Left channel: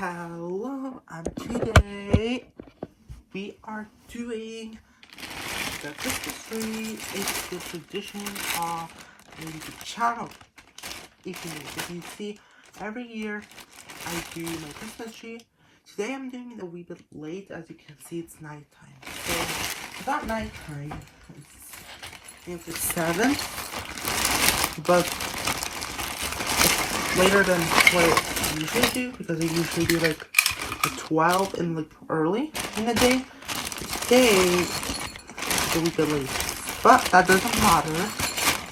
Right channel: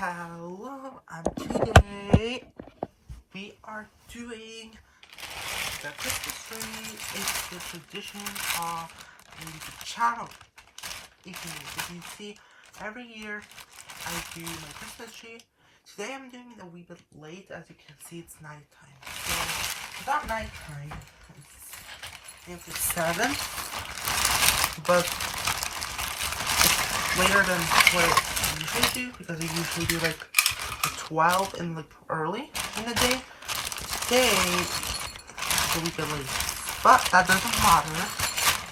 Hello, and today we are doing the Christmas tree. It's the tradition of the YouTube channel. If you see, every year I do my Christmas tree. Today I'm doing it a wee bit late. As you can see, it's nighttime. So it's not nighttime. It's 7, but it's later than what I usually do, because I usually do like 12 in the early in the day. Today it's a wee bit late, but that doesn't matter.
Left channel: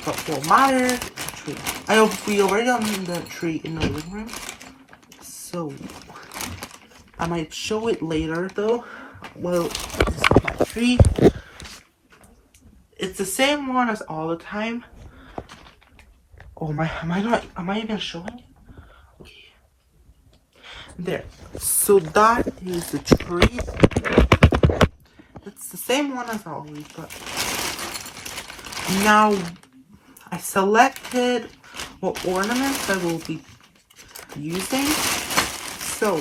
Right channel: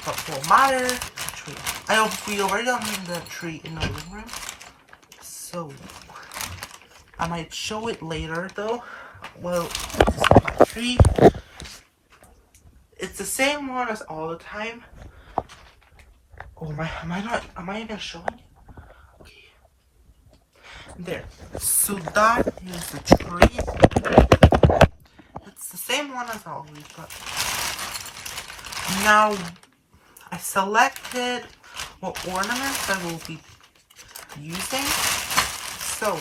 But what matters is the tree. We already done the tree in the living room, so I might show it later though. Well, this is my tree. It's the same one as all the time. Oh my, am I even showing it? Okay. There. So that is the tree. It's the same one as always, but now I selected what ornaments I will be using. So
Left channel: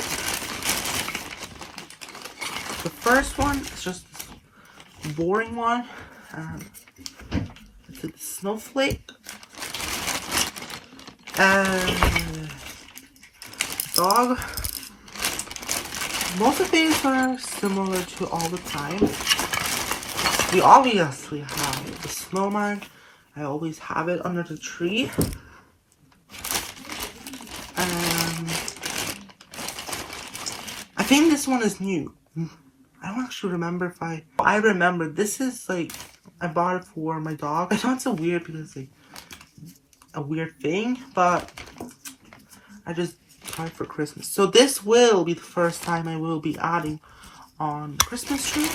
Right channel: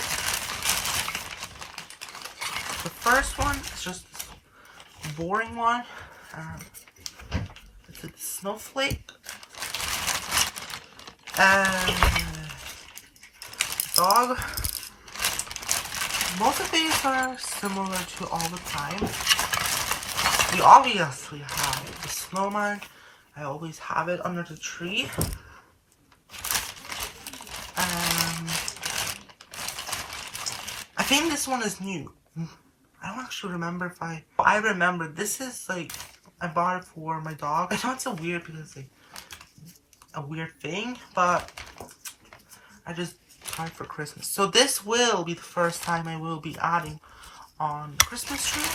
the first one is just this boring one. It's a snowflake and dog. Most of these are similar to all the time. We obviously have the snowman. I always have it under the tree. I think this one is new. I don't actually remember if I remember this is like, I bought it for my dog. I know it's so weird because it's like a weird thing, but I just got it for Christmas. So this will be the first time I will be adding on Christmas tree.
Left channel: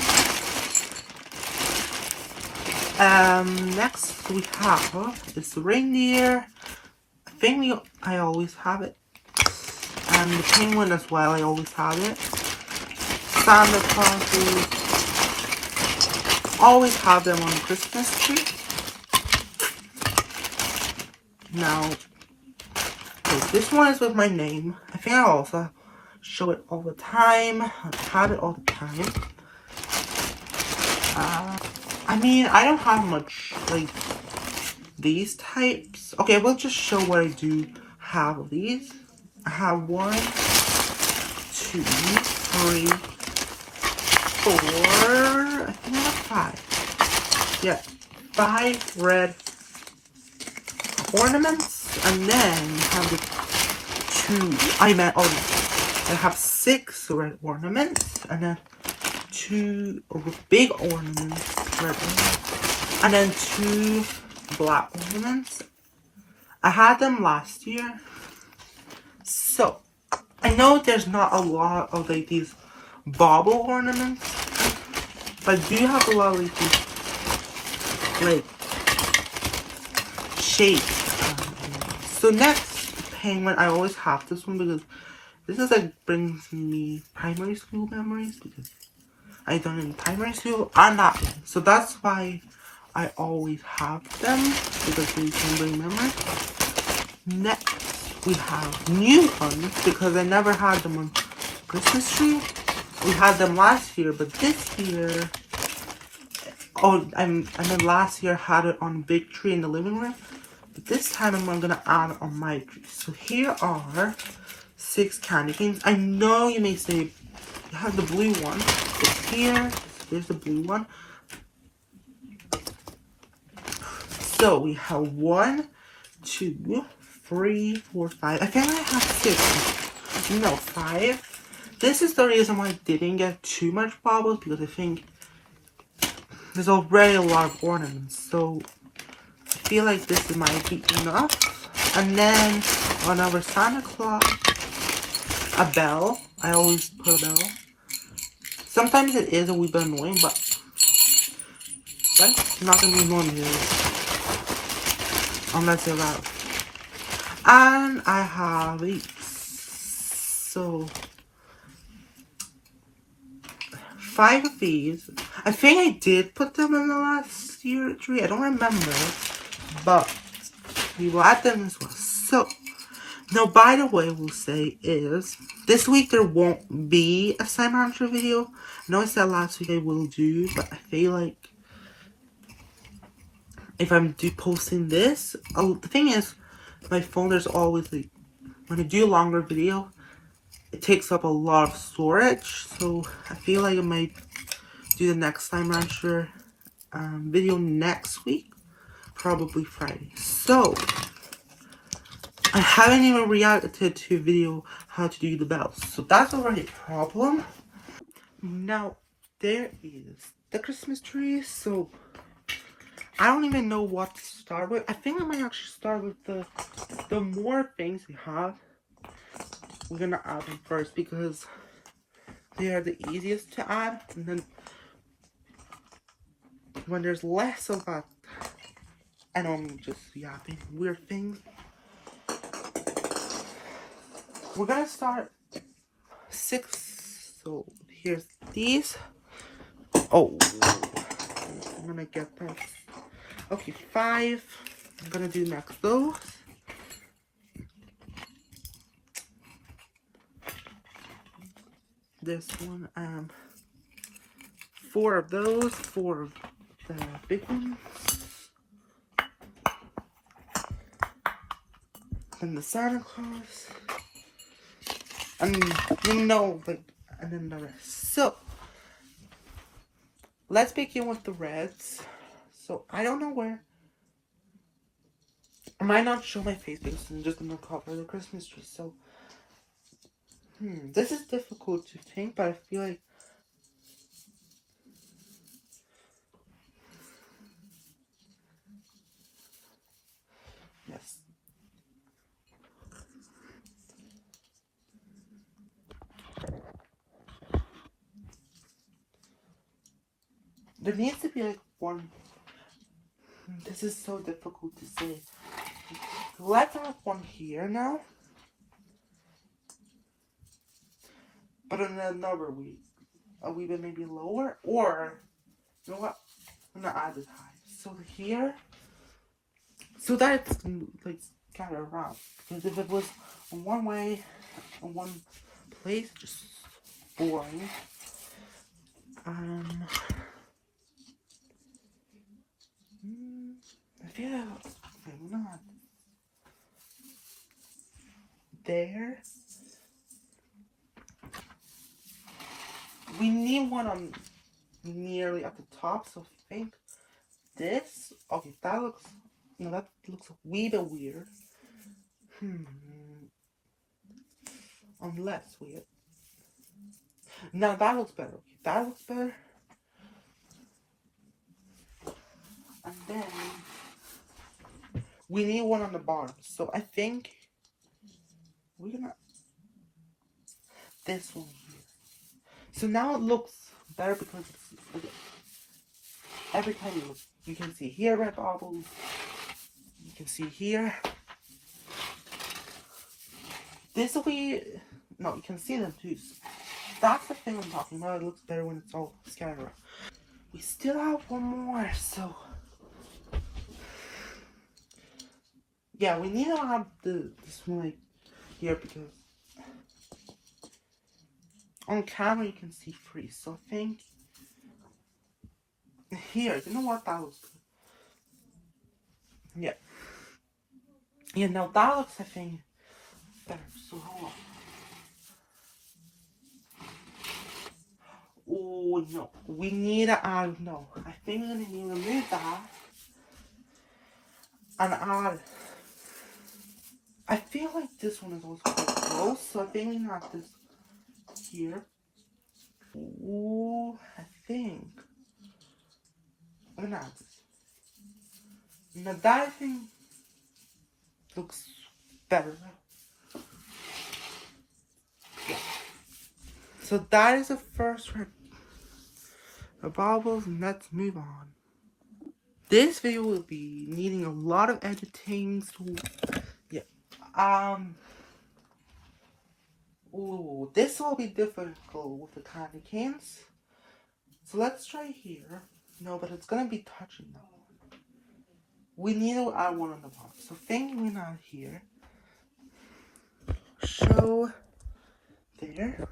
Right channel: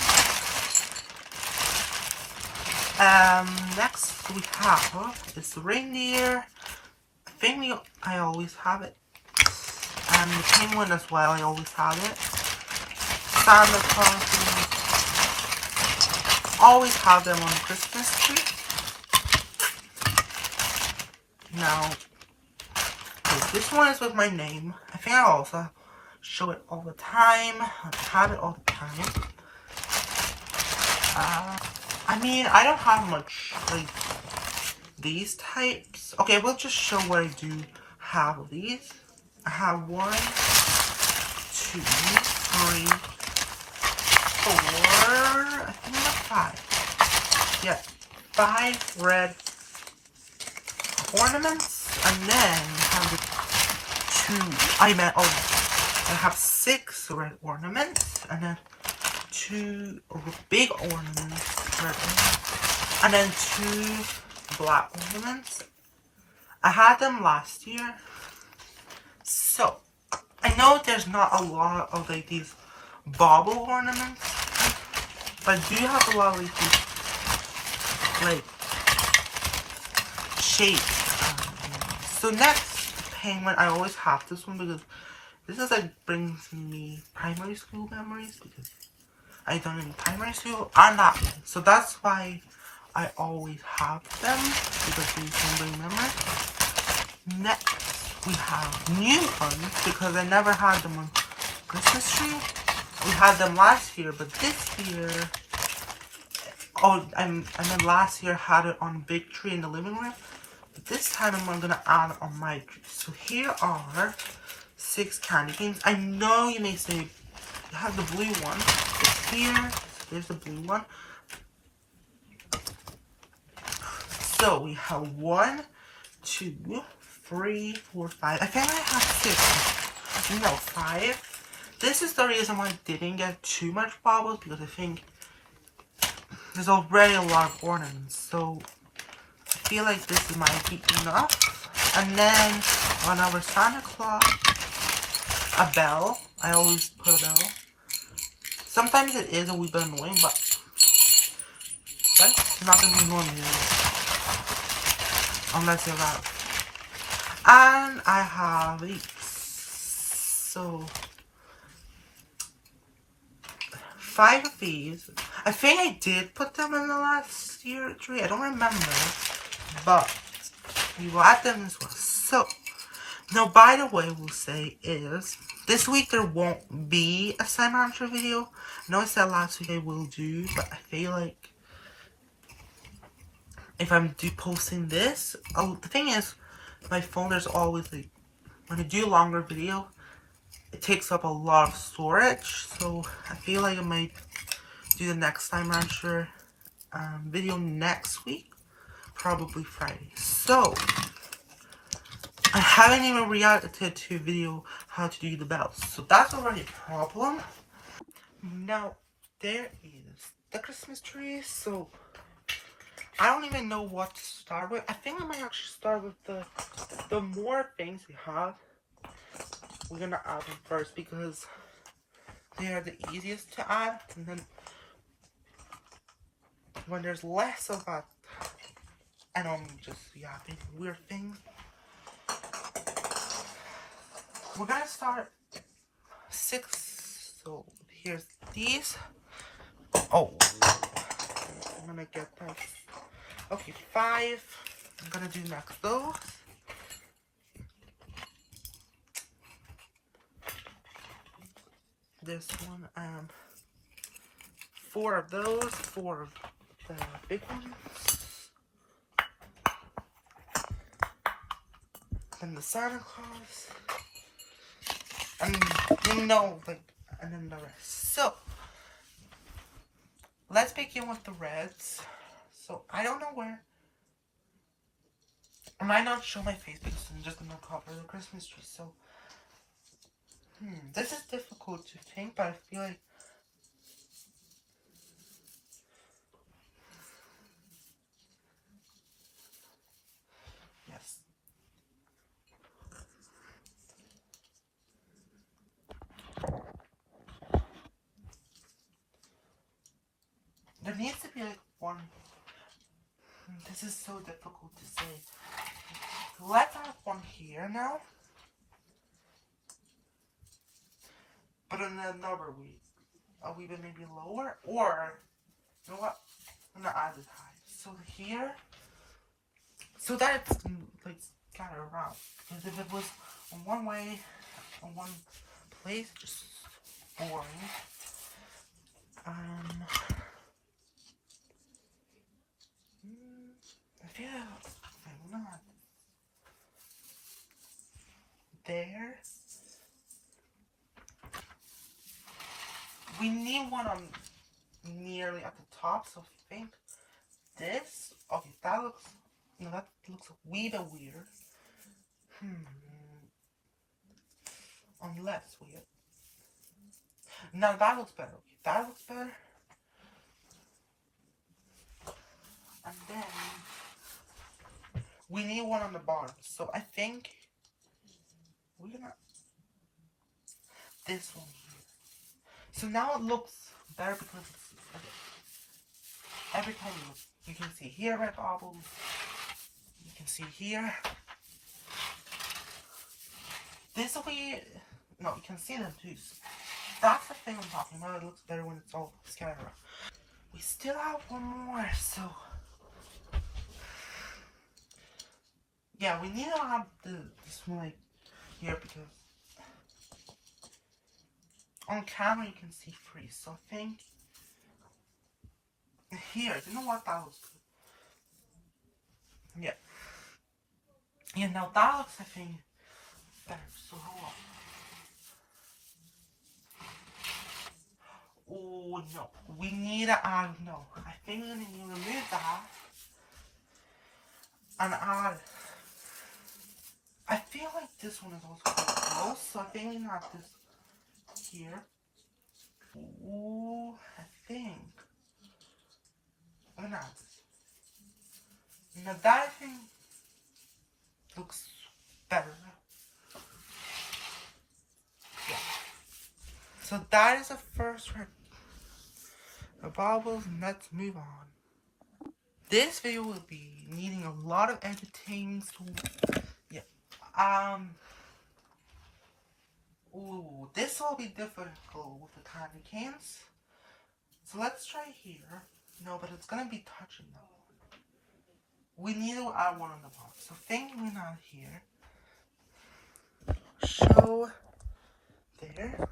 Next we have is the reindeer. I always have it. And the penguin as well, I always have it. Santa Claus, always have them on the Christmas tree. Now, this one is with my name. I think I also show it all the time. I have it all the time. I mean, I don't have much, like, these types. Okay, we'll just show what I do have of these. I have 1, 2, 3, 4, I think I have 5. Yeah, 5 red ornaments, and then have the 2, I have 6 red ornaments, and then 2 big ornaments, red ornaments, and then 2 black ornaments. I had them last year, so I know there's not a lot of like these bauble ornaments, but I do have a lot of these like shapes. So next, penguin. I always have this one because this is like brings me primary school memories, because I done it in primary school and that one. So that's why I always have them, because they can bring memories. Next, we have new ones, because I never had them on Christmas tree. We had them last year, but this year, and then last year I had it on big tree in the living room. But this time I'm gonna add it on my tree. So here are 6 candy canes. I know you may say, I have the blue one, but there's the blue one. So we have 1, 2, 3, 4, 5. I think I have 6. No, 5. This is the reason why I didn't get too much baubles, because I think there's already a lot of ornaments. So I feel like this might be enough. And then on our Santa Claus, a bell. I always put a bell. Sometimes it is a wee bit annoying, but that's not gonna be annoying here, unless you're loud. And I have these. So 5 of these. I think I did put them in the last year tree. I don't remember, but we will add them as well. So Now, by the way, we'll say is this week there won't be a Slime Rancher video. I know I said last week I will do, but I feel like if I'm posting this, the thing is, my phone there's always like when I do a longer video, it takes up a lot of storage. So I feel like I might do the next Slime Rancher video next week, probably Friday. So I haven't even reacted to a video how to do the bells, so that's already a problem. Now there is the Christmas tree, so I don't even know what to start with. I think I might actually start with the more things we have. We're gonna add them first because they are the easiest to add, and then when there's less of that, I don't just think weird things. We're gonna start 6. So here's these. Oh, I'm gonna get them. Okay, 5. I'm gonna do next those. This one, 4 of those, 4 of the big ones. Then the Santa Claus. And and then the rest. So, let's begin with the reds. So, I don't know where. I might not show my face because I'm just gonna cover the Christmas tree. So, this is difficult to think, but I feel like yes. There needs to be like one. This is so difficult to say. Let's have one here now. But in another week, a wee bit maybe lower, or you know what? I'm gonna add it high. So here, so that it's like scattered around. Because if it was one way, in one place, just boring. Yeah, I'm not there. We need one on nearly at the top, so I think this. Okay, that looks. No, that looks a wee bit weird. Unless weird. Now that looks better. That looks better. And then we need one on the bottom. So I think we're gonna this one here. So now it looks better because it's like, every time you look, you can see here red bubbles. You can see here. This way, no, you can see them too. That's the thing I'm talking about. It looks better when it's all scattered. We still have one more, so yeah, we need to have this one like here because on camera you can see 3. So I think here, you know what, that looks good. Yeah. Yeah, now that looks, I think, better. So hold on. Oh no, we need to add, no, I think we're gonna need to remove that and add, I feel like this one is also quite close, so I think we can add this here. Ooh, I think I'm gonna add this. Now that I think looks better. Yeah. So that is the first one. The baubles, and let's move on. This video will be needing a lot of editing, so yeah. Ooh, this will be difficult with the candy canes. So let's try here. No, but it's gonna be touching though. We need to add one on the bottom. So thinking we add here. show there.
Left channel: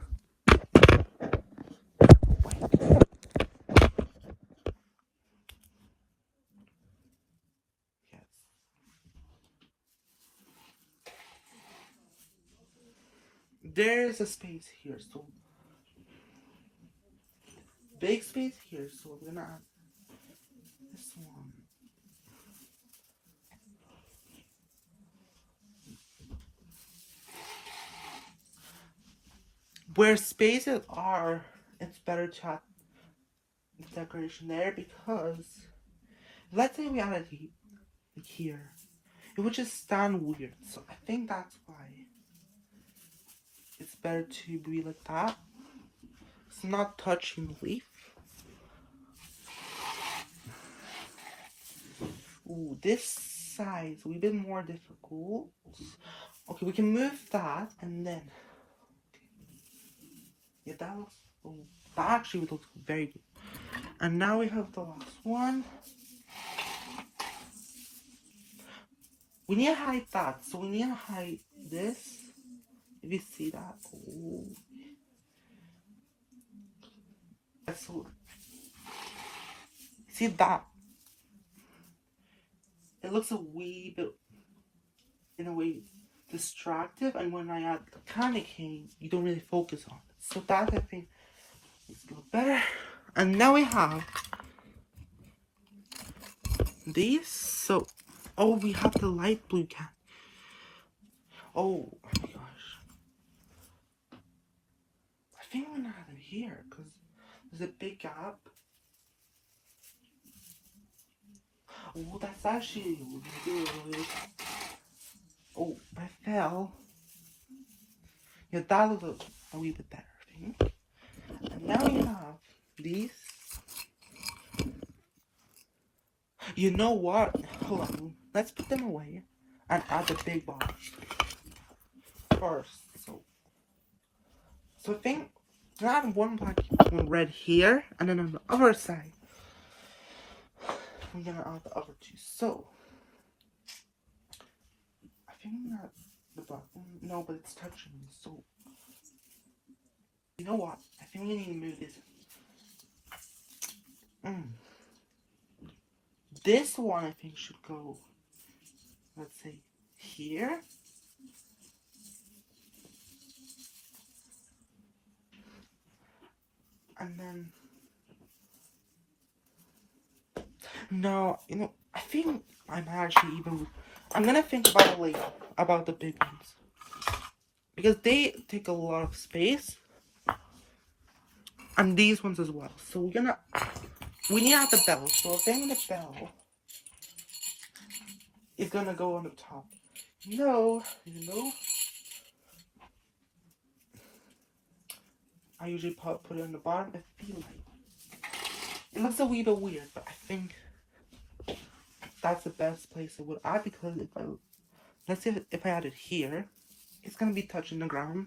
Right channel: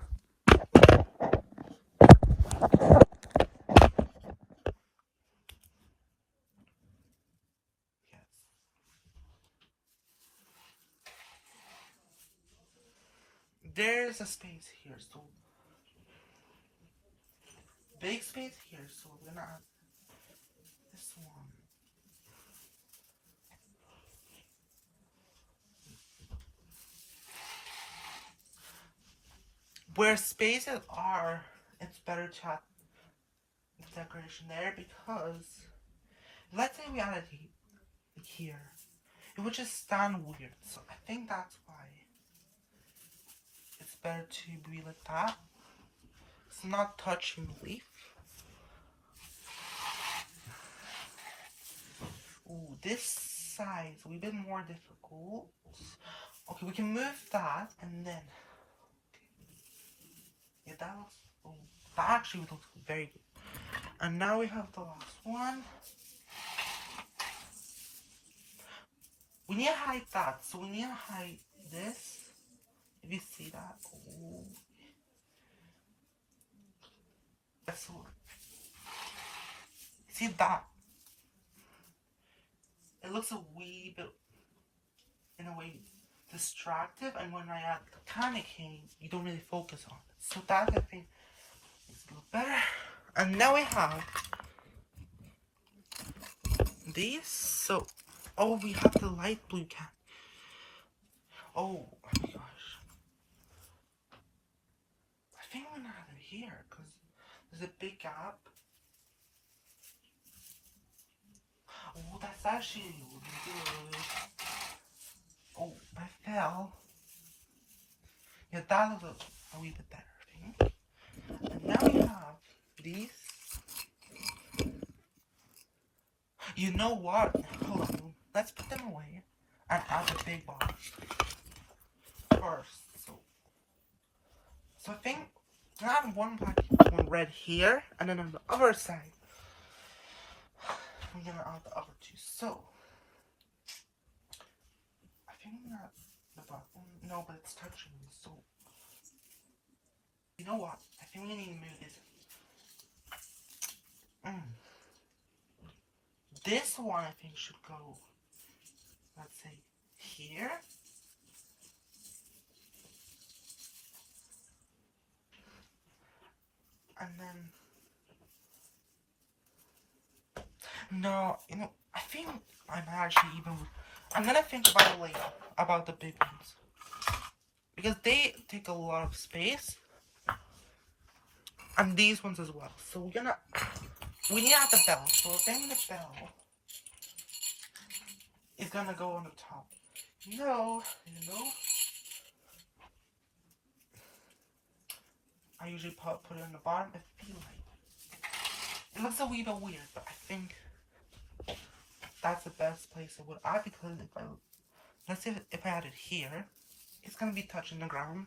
There's a space here, so big space here, so we're gonna add this one. Where spaces are, it's better to have decoration there because let's say we added here, it would just sound weird. So I think that's why it's better to be like that. It's not touching the leaf. Ooh, this side's a wee bit more difficult. Okay, we can move that and then. Yeah, that looks. Oh, that actually looks very good. And now we have the last one. We need to hide that, so we need to hide this. If you see that, oh. So, see that? It looks a wee bit, in a way, distractive, and when I add the candy cane, you don't really focus on it. So that I think is a little better. And now we have these. So, oh, we have the light blue candy. Oh my gosh. I think I'm gonna have it here because there's a big gap. Oh, that's actually really. Oh, I fell. Yeah, that looks a wee bit better, I think. And now we have these. You know what? Hold on. Let's put them away and add the big box first. So I think I have one black red here, and then on the other side, I'm gonna add the other two. So I think that the black one, no, but it's touching me. So you know what? I think we need to move this. This one I think should go, let's say, here. And then, no, you know, I think I'm actually I'm gonna think about it later, about the big ones. Because they take a lot of space. And these ones as well. So we need to have the bell. So I think the bell is gonna go on the top. No, I usually put it on the bottom. I feel like it looks a wee bit weird, but I think that's the best place it would add because let's say if I add it here, it's gonna be touching the ground.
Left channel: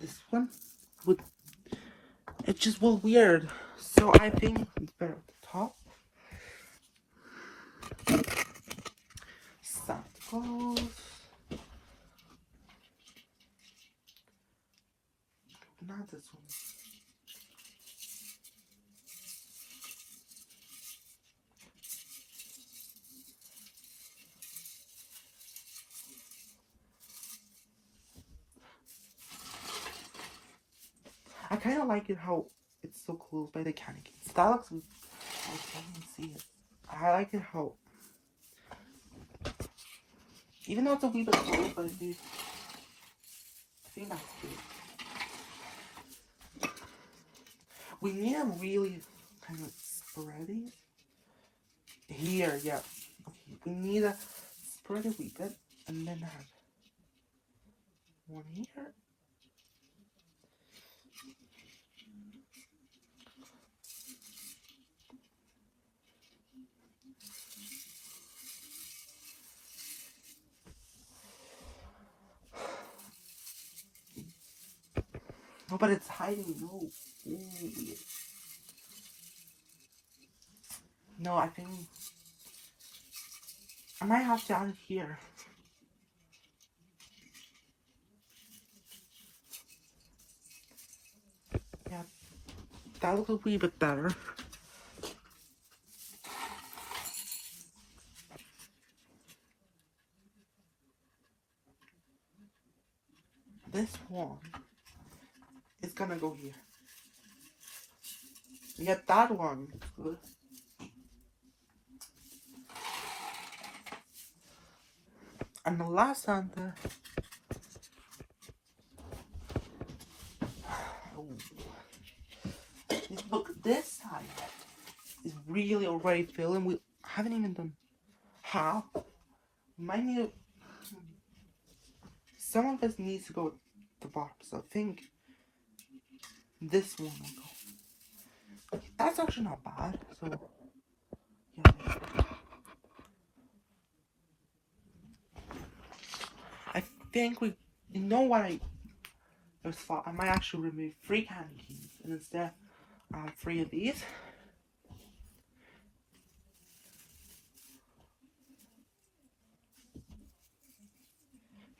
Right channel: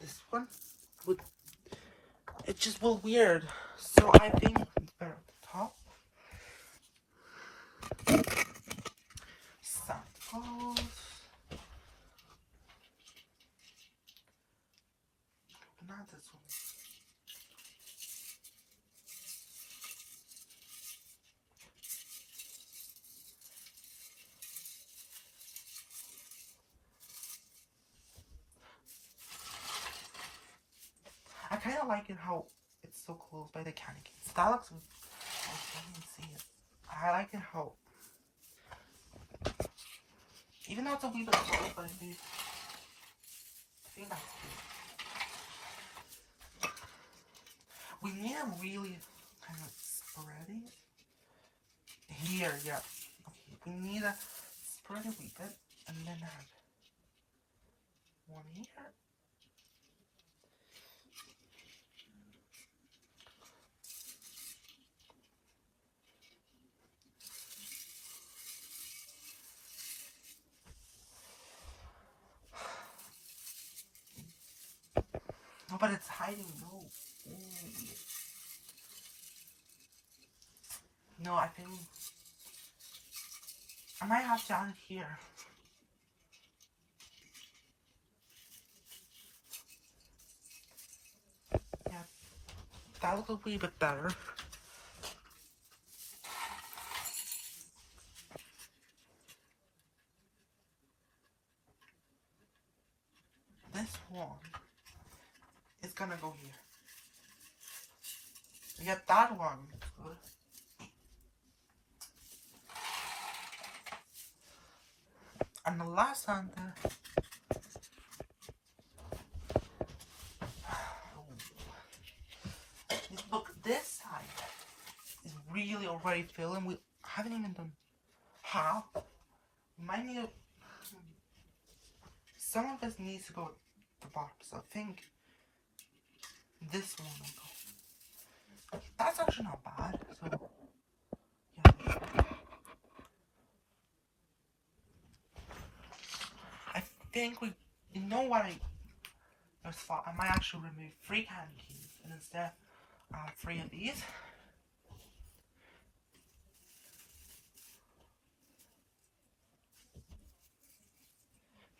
This one it just will weird. So I think it's better at the top. Santa Claus. Not this one. I kind of like it how it's so close by the candy canes. That looks good. I can't see it. I like it how, even though it's a wee bit close, but I think that's good. We need to really kind of spread it here. Yeah. Okay. We need to spread it a wee bit, and then have one here. Oh, but it's hiding. No. Ooh. No, I think I might have to add it here. That looks a wee bit better. This one is gonna go here. Yeah, that one is good. And the last Santa. Look, this side is really already filling. We haven't even done half. Might need. Some of this needs to go at the bottom, so I think this one will go. That's actually not bad. So, yeah. I think we. You know what I thought? I might actually remove 3 candy keys and instead 3 of these.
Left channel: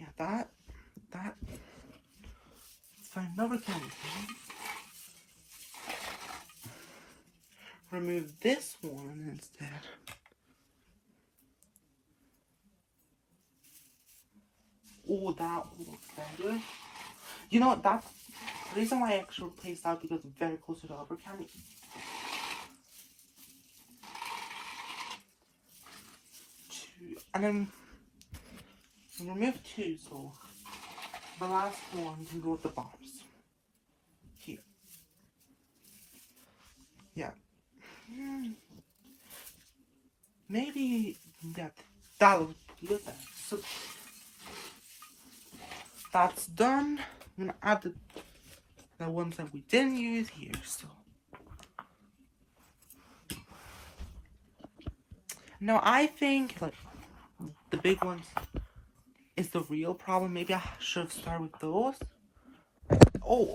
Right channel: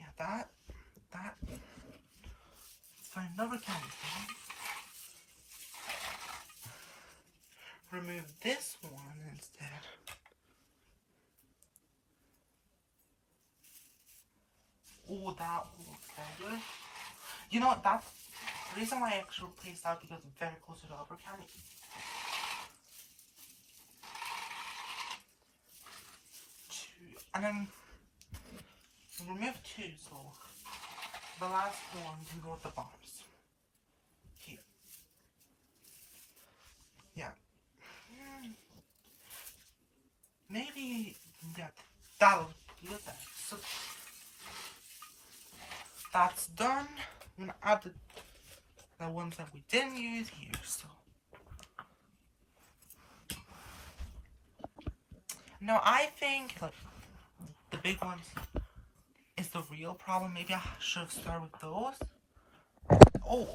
Yeah, that. Find another candy key. Remove this one instead. Oh, that looks very good. You know what? That's the reason why I actually placed that because it's very close to the upper candy. And then remove 2, so the last one can go at the bottoms. Here. Yeah. Maybe that was good there. So that's done. I'm gonna add the ones that we didn't use here. So now I think like the big ones is the real problem. Maybe I should have started with those. Oh,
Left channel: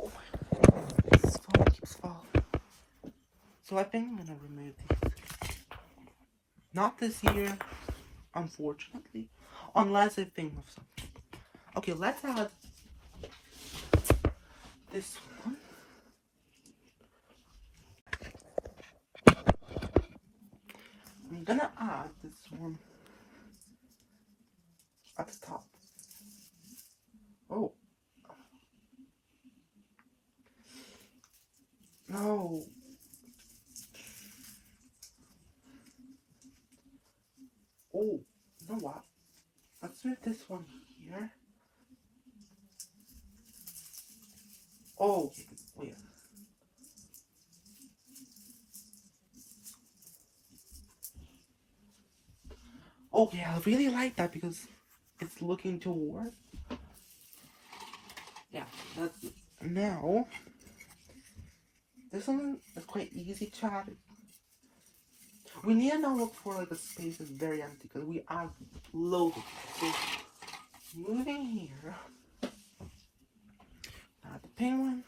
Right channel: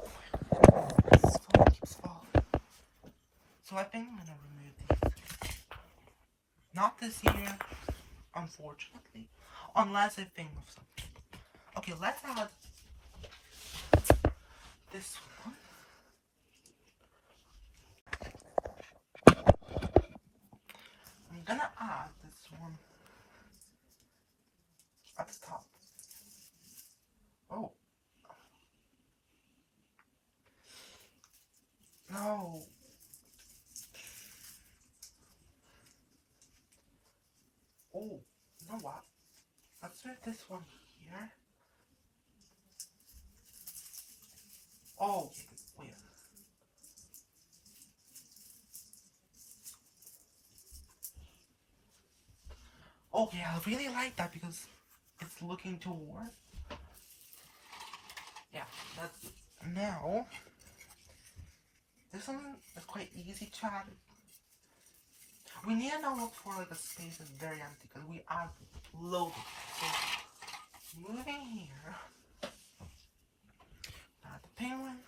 this phone keeps falling. So I think I'm gonna remove these. Not this year, unfortunately, unless I think of something. Okay, let's add this one. I'm gonna add this one at the top. Oh. No. Oh, you know what? Let's move this one here. Oh, wait. Okay, I really like that because it's looking towards. Yeah, that's good. Now, this one is quite easy to add. We need to now look for like the space is very empty because we have loads of it. So, moving here, add the penguin.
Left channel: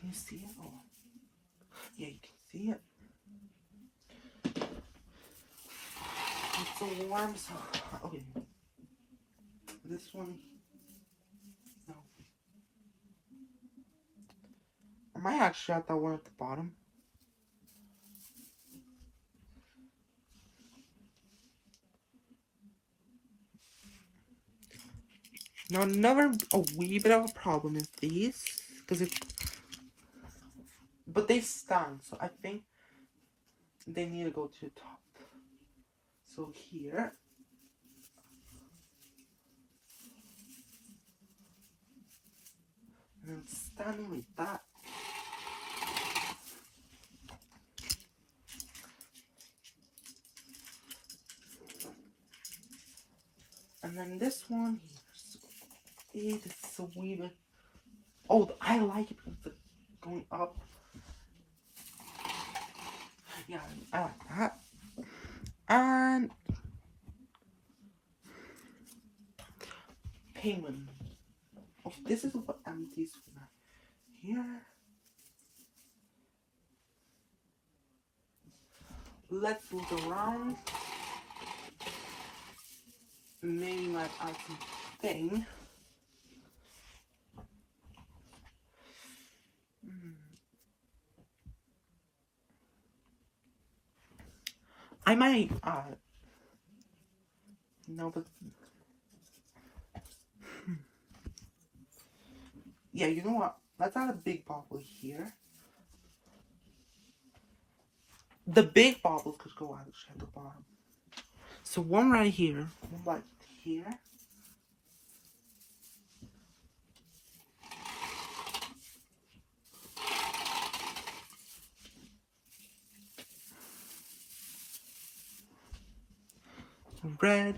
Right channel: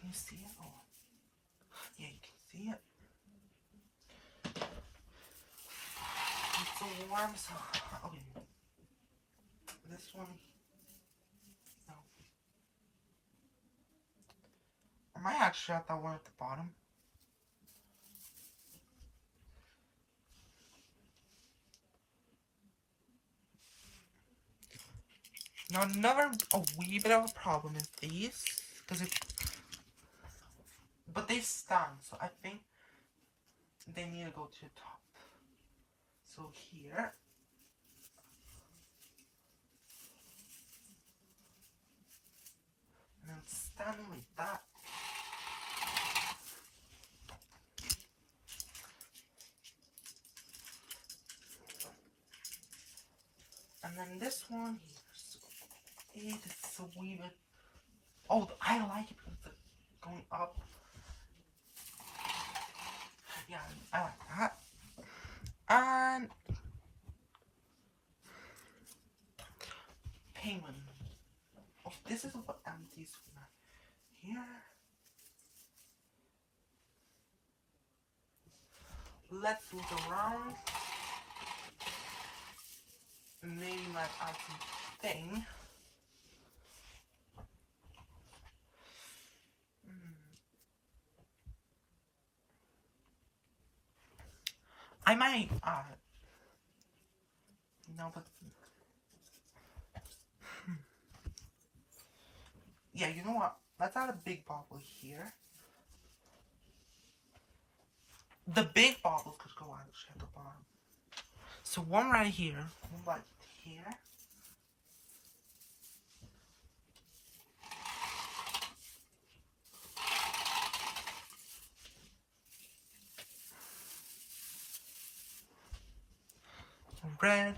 Can you see it? Oh, yeah, you can see it. It's so warm, so okay. This one, no. I might actually add that one at the bottom. Now another a wee bit of a problem is these, but they stand, so I think they need to go to the top. So here, and then standing like that. And then this one here, so it's a wee bit. Oh, I like it because it's going up. Yeah, I like that. And penguin. Oh, this is what empties here. Let's look around. main live action thing. I might, no, but, yeah, you know what? Let's add a big bobble here. The big bobble could go actually at the bottom. So one right here, one right here. Red.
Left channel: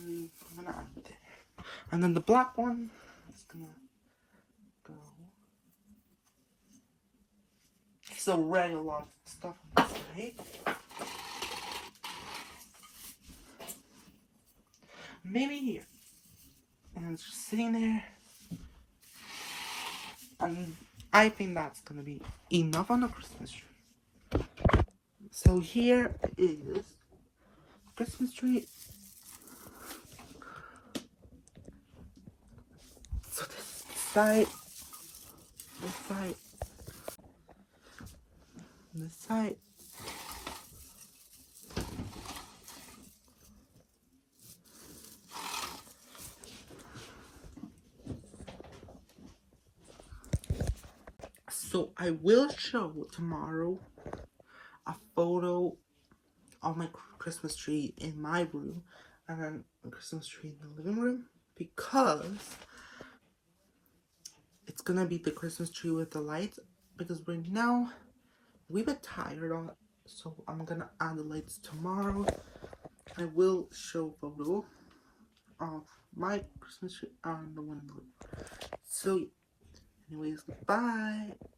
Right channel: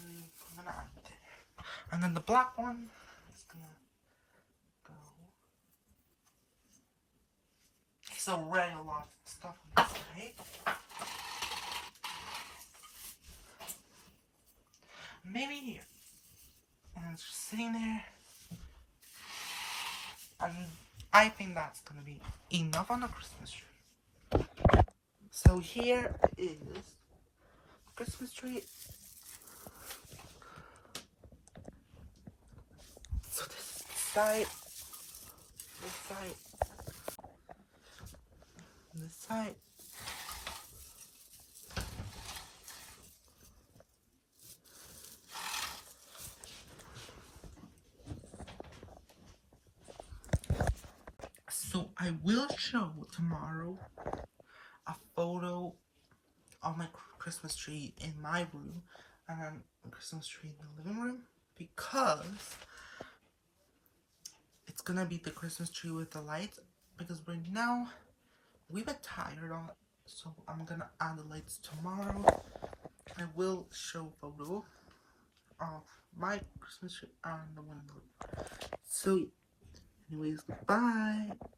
I'm gonna add it. And then the black one is gonna go. So red, a lot of stuff on this side. Maybe here. And it's just sitting there. And I think that's gonna be enough on the Christmas tree. So here is Christmas tree. So this side, this side, this side. So I will show tomorrow a photo of my Christmas tree in my room and then a Christmas tree in the living room, because it's gonna be the Christmas tree with the lights, because right now we've been tired on it, so I'm gonna add the lights tomorrow. I will show a photo of my Christmas tree and the one in the room. So anyways, bye.